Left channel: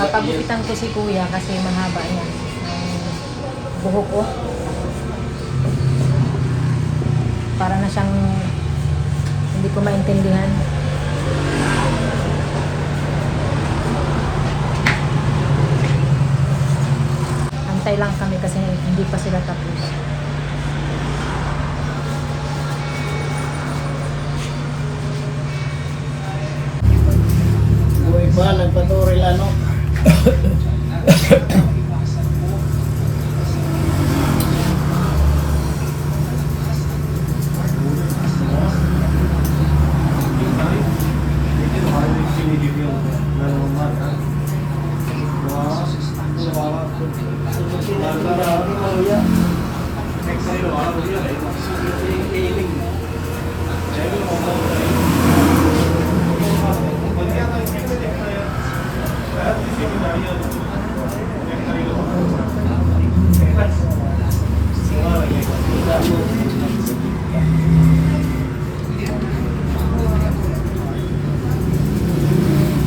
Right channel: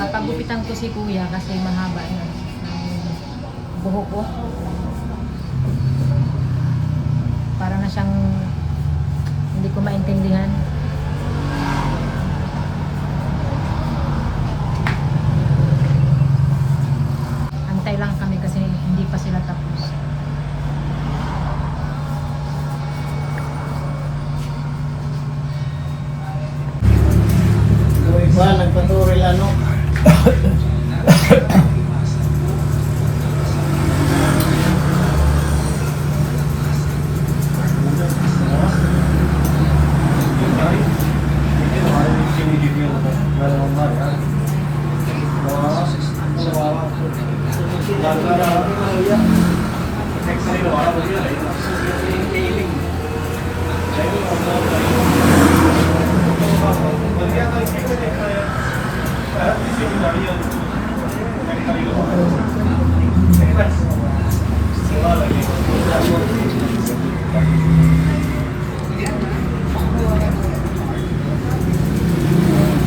Papagupitan ko si kuya kasi mahaba yan. Buhok ko. Para na siyang hindi ko maintindihan. Antay lang kami kasi hindi pa sila tapos. Yung iba, nagpaturil ano.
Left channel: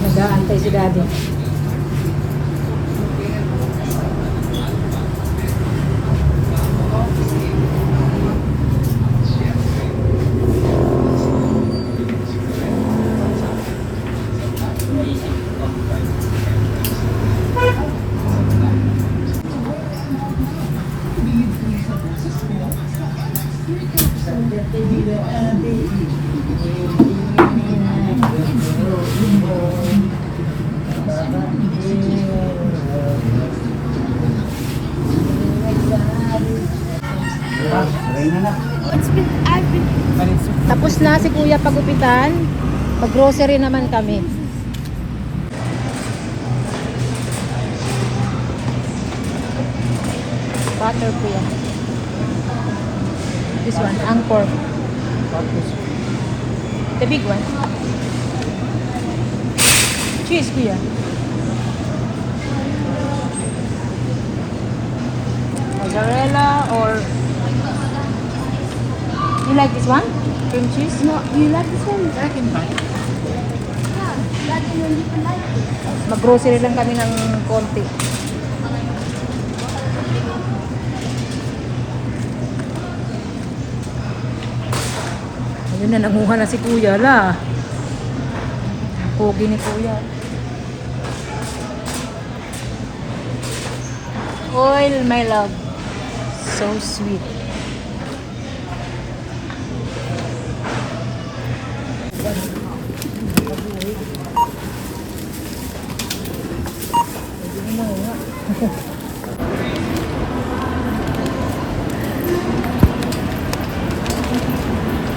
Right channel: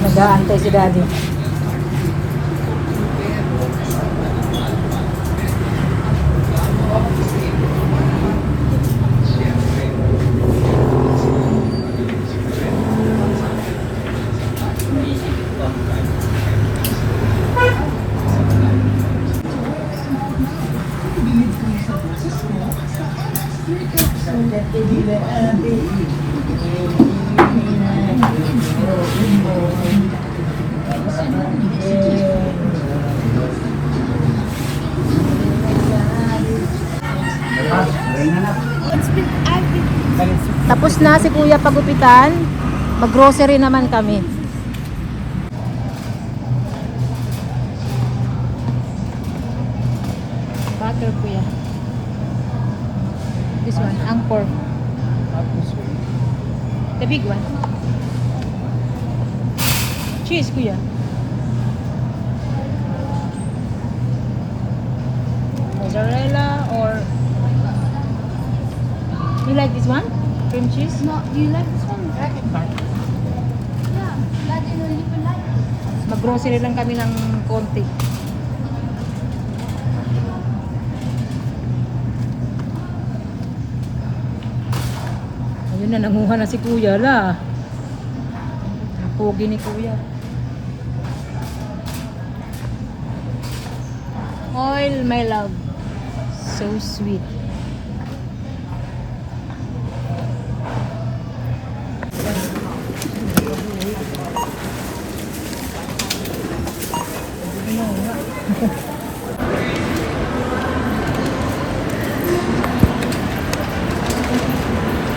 Nag-aantay si daddy. Tapos na si kuya pagupitan. Mag-grocery naman kami. Butter kuya. This one, the Angkor. The big one. Cheese kuya. Mozzarella or... You like this one? Cream cheese? No, you like this one? I can buy. Mag-grocery lang kami ng konti. Ayun na, namuha na si kuya na. Pogi ni kuya. Oil, my love. So sweet.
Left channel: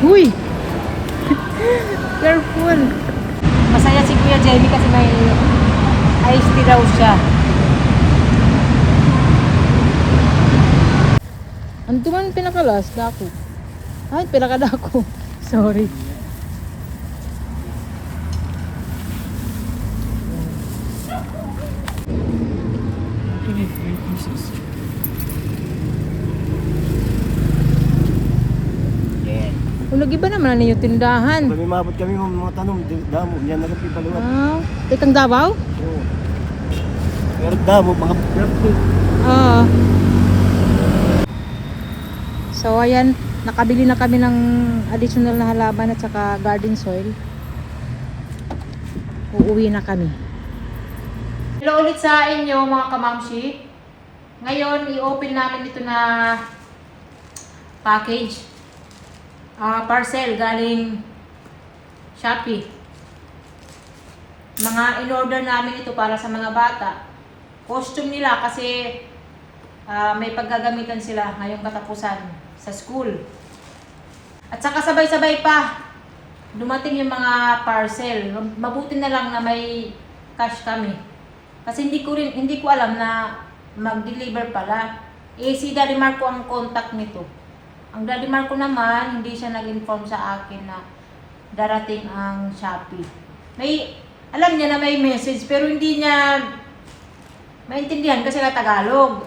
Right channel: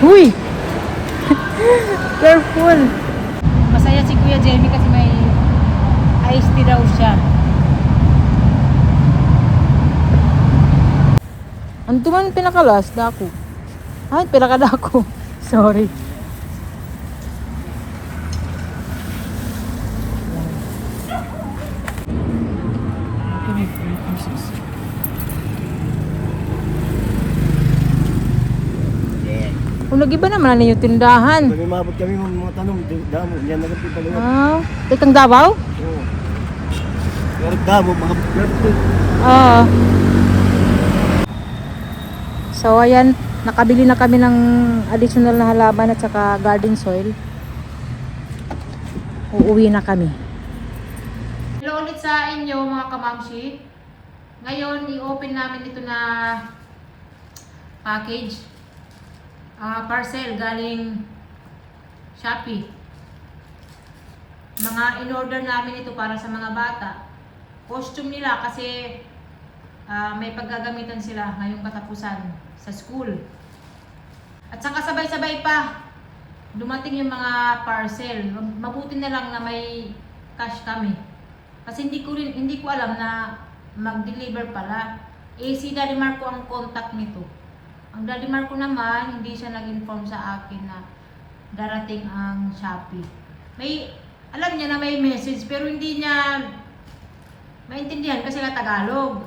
Uy! Careful! Masaya si Kuya Jerry kasi may iced tea daw siya. Ang tuman pinakalas, dako. Ay, pinakadako. Sorry. Kung lagi ba naman na yung tindahan? Kami mabot kami mga tanong, damo, yan nagpipaliwan. Ah, itong Davao? Oo. Pero damo, mga perfect. Ah. So ayan, nakabili na kami ng additional na halaman at saka garden soil. Uuwi na kami. Hello ulit sa inyo mga kamamshi. Ngayon, i-open namin ito na package. Parcel galing Shopee. Mga in-order namin ito para sa mga bata. Costume nila kasi may paggagamitan sila ngayong katapusan sa school. At saka sabay-sabay pa dumating yung mga parcel. Mabuti na lang na may cash kami. Kasi hindi ko alam na mag-deliver pala. Si Daddy Marco ang contact nito. Ang Daddy Marco naman, hindi siya nag-inform sa akin na darating ang Shopee. Alam niya na may message pero hindi niya maintindihan kasi na Tagalog.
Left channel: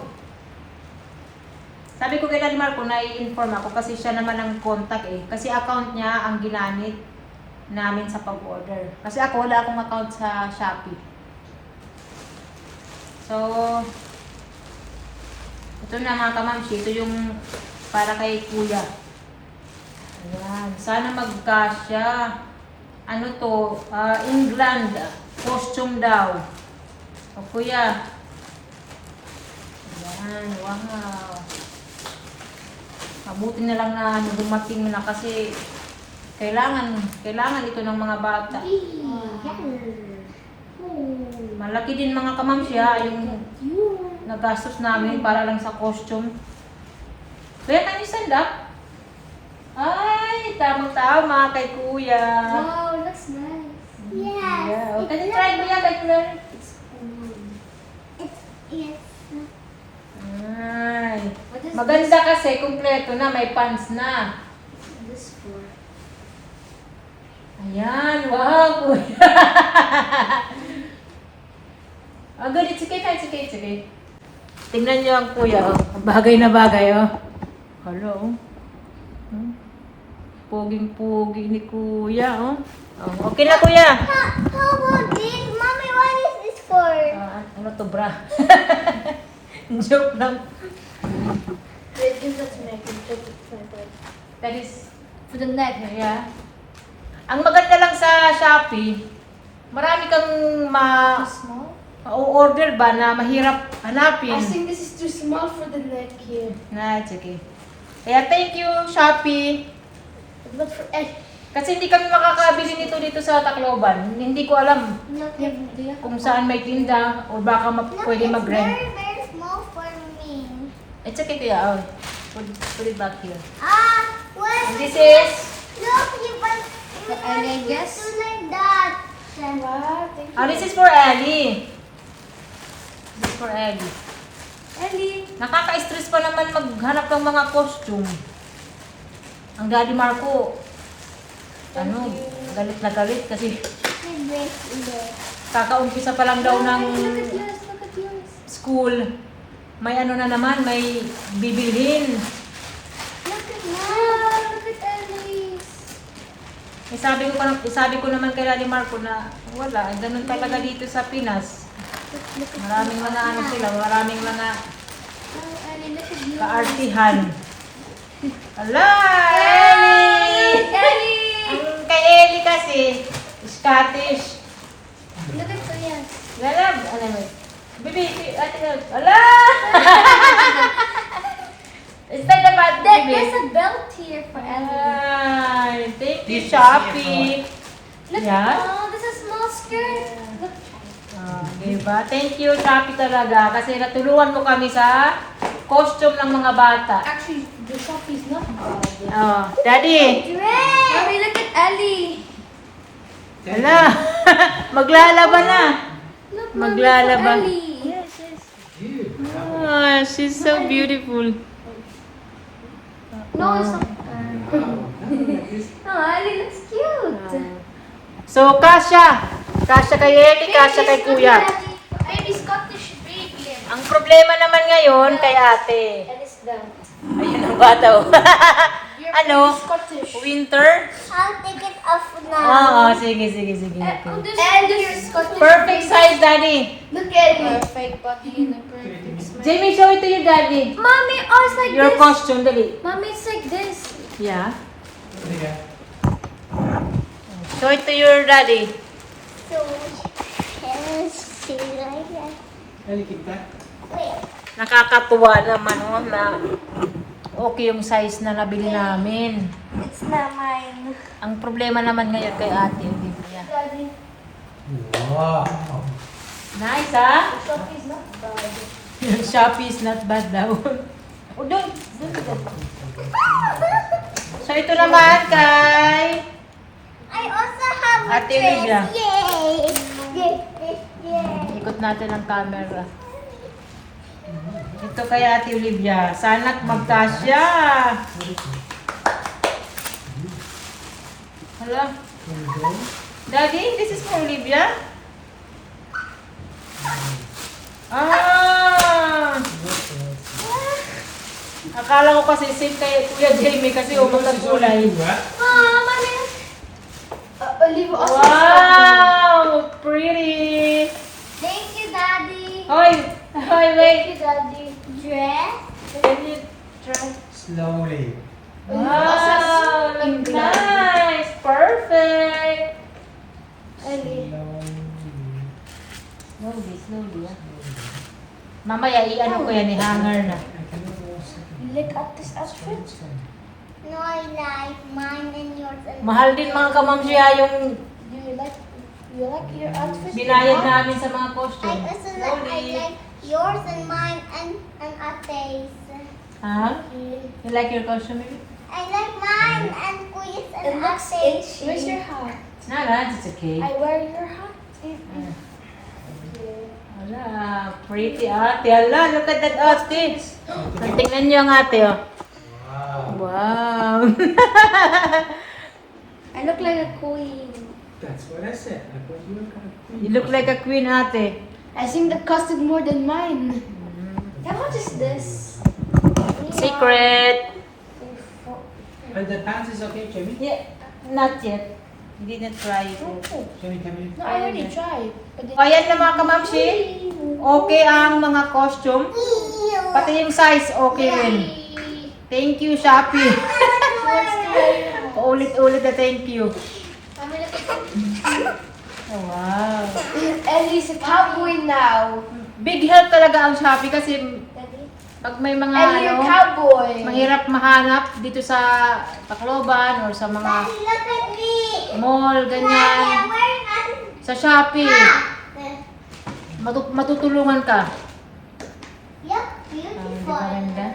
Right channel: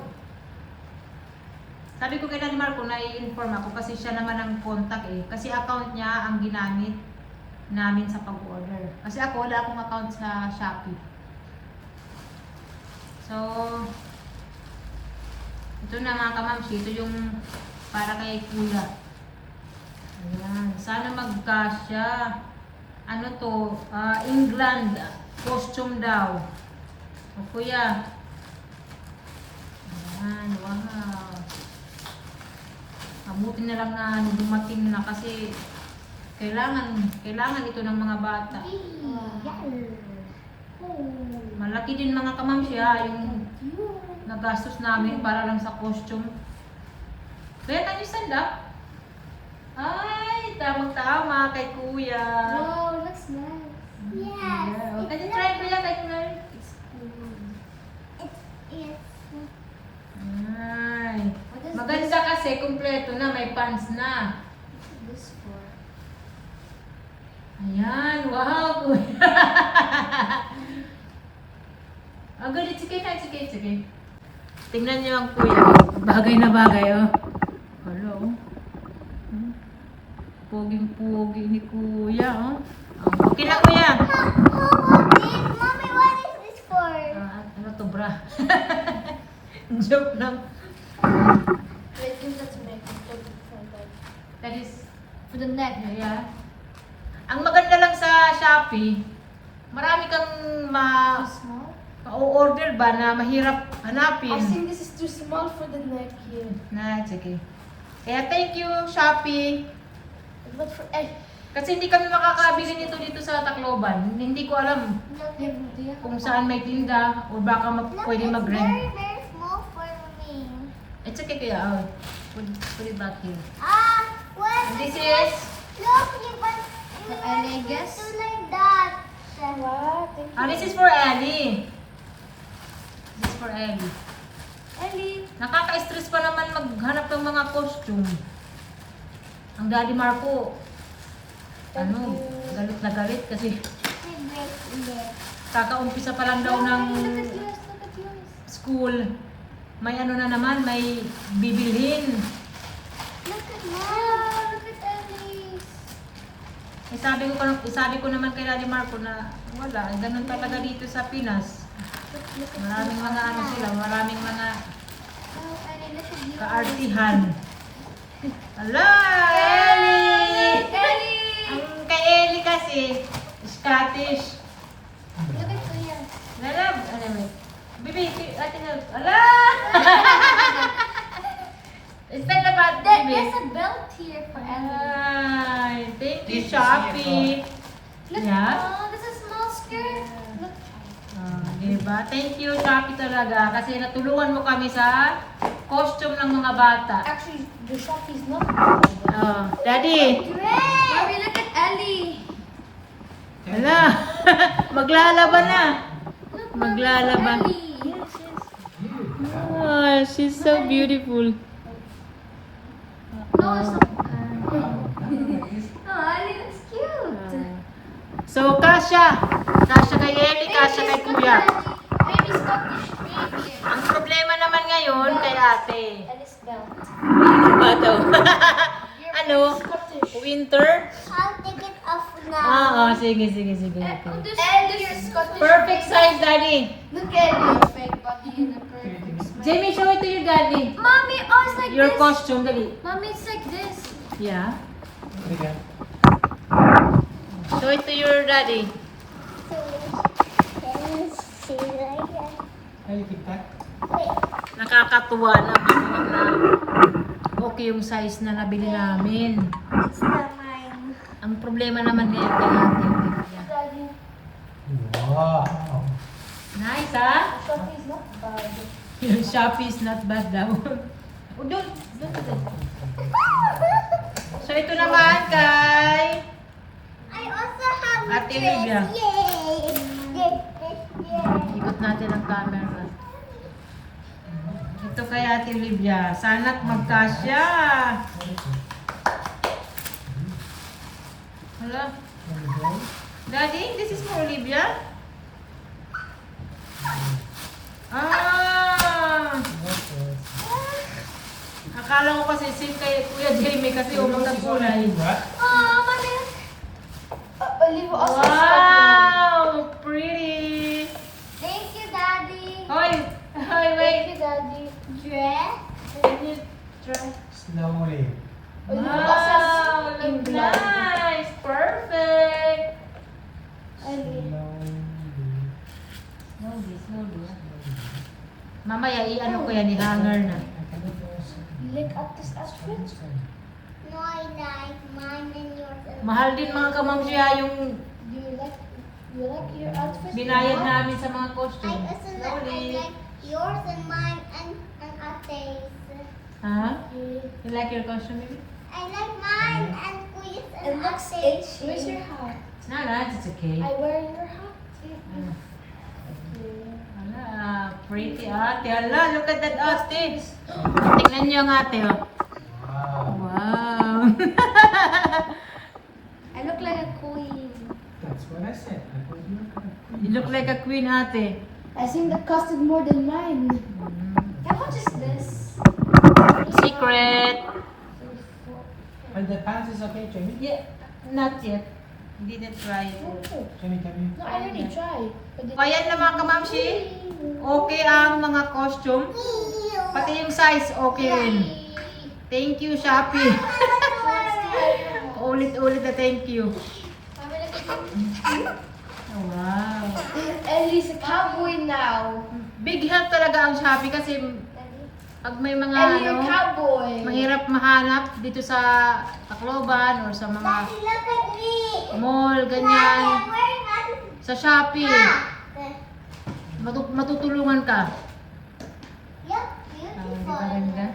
Sabi ko kay Daddy Marco na i-inform ako kasi siya naman ang contact eh. Kasi account niya ang ginamit namin sa pag-order. Kasi ako wala akong account sa Shopee. So, ito na mga kamamsi. Ito yung para kay kuya. Ayan. Sana magkasya. Ano to? England. Costume daw. O kuya. Ayan. Wow. Mabuti na lang na dumating na kasi kailangan ito ng mga bata. Malaki din mga kamamsya yung nagastos namin para lang sa costume. Kaya can you stand up? Ay, tamang-tama kay kuya. Wow, looks nice. Yeah. Can you try kuya? Can you learn? Ay. What is Maganda kasi, kumpleto na, may pants na. this for? Ayan, wow, kuya. Ang good, it's okay, it's okay, it's okay. Tingnan niyo ang kuya, bagay na bagay, oh. Hello. Poging-pogi ni kuya, oh. Okay na, kuya. How about this? Mommy, what is this for? Ano to, bra? Joke lang. Wait, give that to me. I can put it somewhere. That is, For the neck. yeah. Ang maganda lang sa Shopee, marami kang Too small? order ba na mahirap hanapin. I think this is too small for the neck here. Na, it's okay. Kaya thank you, Shopee. But for egg. Kasi hindi kami makakabili nito dito sa Tacloban. Hindi ko alam kung saan may tinda o baka pwede mag-rent. very small for me. It's okay, kuya. Oh, put it back here. What? This is, Look, you put And I guess like that. What? this is for Ellie. This is for Ellie. Ellie. Nakaka-stress pa naman maghanap ng mga costume. Ang Daddy Marco, galit na galit kasi kakaumpisa pa lang daw ng Look at yours. Look at yours. school. May ano na naman, may bibilhin. Look at wow. Look at Ellie's. Sabi ko naman kay Daddy Marco na wala, ganun talaga dito sa Pinas. Maraming mga ano sila, maraming mga Wow, Ellie. Look at yours. kaartihan. Ala! Look, Ellie. Ang kay Ellie kasi, Scottish. Look at Kuya's. Lalab, ano mo? Bibi, ala! It's like about that, There's a belt here for Ellie. Ay, thank you, This is Shopee. Look, Yeah. oh, this is a small skirt. Look. Diba? Thank you, Shopee talaga. Kasi natulungan mo kami sa costume ng mga bata. Actually, the shop is not. Daddy! Mommy, look at Ellie. Ala! Maglalaban na! Look, Mommy, for Maglalaba. Ellie. She's so beautiful. No, it's not. Oh, Ellie looks cute. So, kasya. Kasya kay Ellie, kasya kay Kuya. Baby Scottish baby. Ang problema naman ngayon kay ate. Ellie's done. Yung bata, oh. Your Ano? baby Scottish. Winter? I'll take it off Oo, sige, sige, sige. Oh, Okay. Ellie's Scottish. Perfect size, Daddy. Look at Ellie. Perfect body and a perfect smile. Jamie, show it to your daddy. Mommy, oh, it's like Your this. costume, Daddy. Mommy, it's like this. Yeah. Show it to your daddy. Nakakatuwa naman oh, na okay yung size na nabili namin. It's not mine. Ang problema naman ngayon kay ate. Yan. Wow. Nice, ha? Sophie's not bad. Shopee is not bad daw. O, doon. So, ito naman kay I also have a Ate dress. Olivia. Yay! Yay! Ikot natin ang camera. Ito kay Ate Olivia. Sana't magkasya. Hala. Daddy, this is for Olivia? Ah! Akala ko kasi same kay Kuya Jamie kasi umunang kulay. Oh, Mommy. Olivia also Wow! Pretty! Thank you, Daddy. Hoy! Wait, Thank you, Daddy. Dress. Slowly. Wow, look nice. Perfect. Ellie. Slowly, slowly. Mamaya, i-ano ko yan, i-hanger na. Look at this outfit. No, I like mine and yours. And Mahal din mga kamamsiya yung Do you like your outfit? binayad namin sa mga I costume. also like yours and mine and Ate's. Ha? You like your costume? I like mine and Kuya's It and looks Ate's. Where's your hat? No, it's okay. I wear your hat. Ala, pretty ate. Ala, look at that ate. Tingnan niyo ang ate, oh. Wow. I look like a queen. That's what I said. I thought you were gonna You look like a queen, ate. I think the cost is more than mine. How much is this? Secret. But the pants is okay, Jamie? Yeah, not yet. Didn't try it. Jamie, come here. No, I already tried. O, ayan na mga kamamsi. Okay ang mga costume. Pati yung size, okay rin. Thank you, Shopee. She wants to wear your hat. Paulit-ulit na thank you. Mommy, look at this. Oh, wow. Ellie's a cowboy now. Big help talaga ang Shopee kasi Daddy. pag may mga Ellie, you're a cowboy. mahirap mahanap dito sa Tacloban or sa mga Look at me. mall, Daddy, ganyan. I'm wearing a Sa Shopee, hat. matutulungan ka. Yup, Ang beautiful. ganda.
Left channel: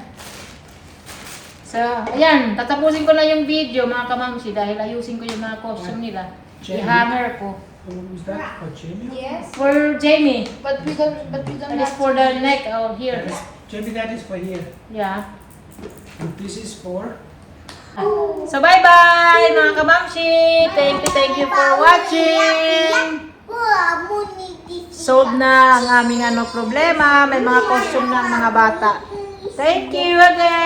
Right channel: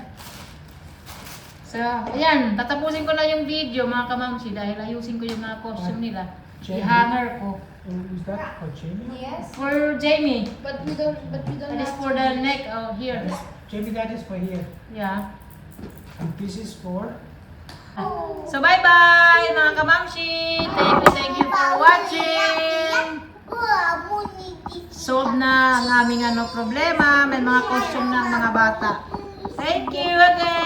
So, ayan, tatapusin ko na yung video mga kamamsi dahil ayusin ko yung mga costume nila. I-hanger ko. What was that for Jamie? Yes. For Jamie, But we don't that is have for the neck. Oh, here. Jamie, that is for here. Yeah. And this is for... So, bye-bye mga kamamsi. Thank you for watching. Solved na ang aming problema. May mga costume ng mga bata. Thank you again.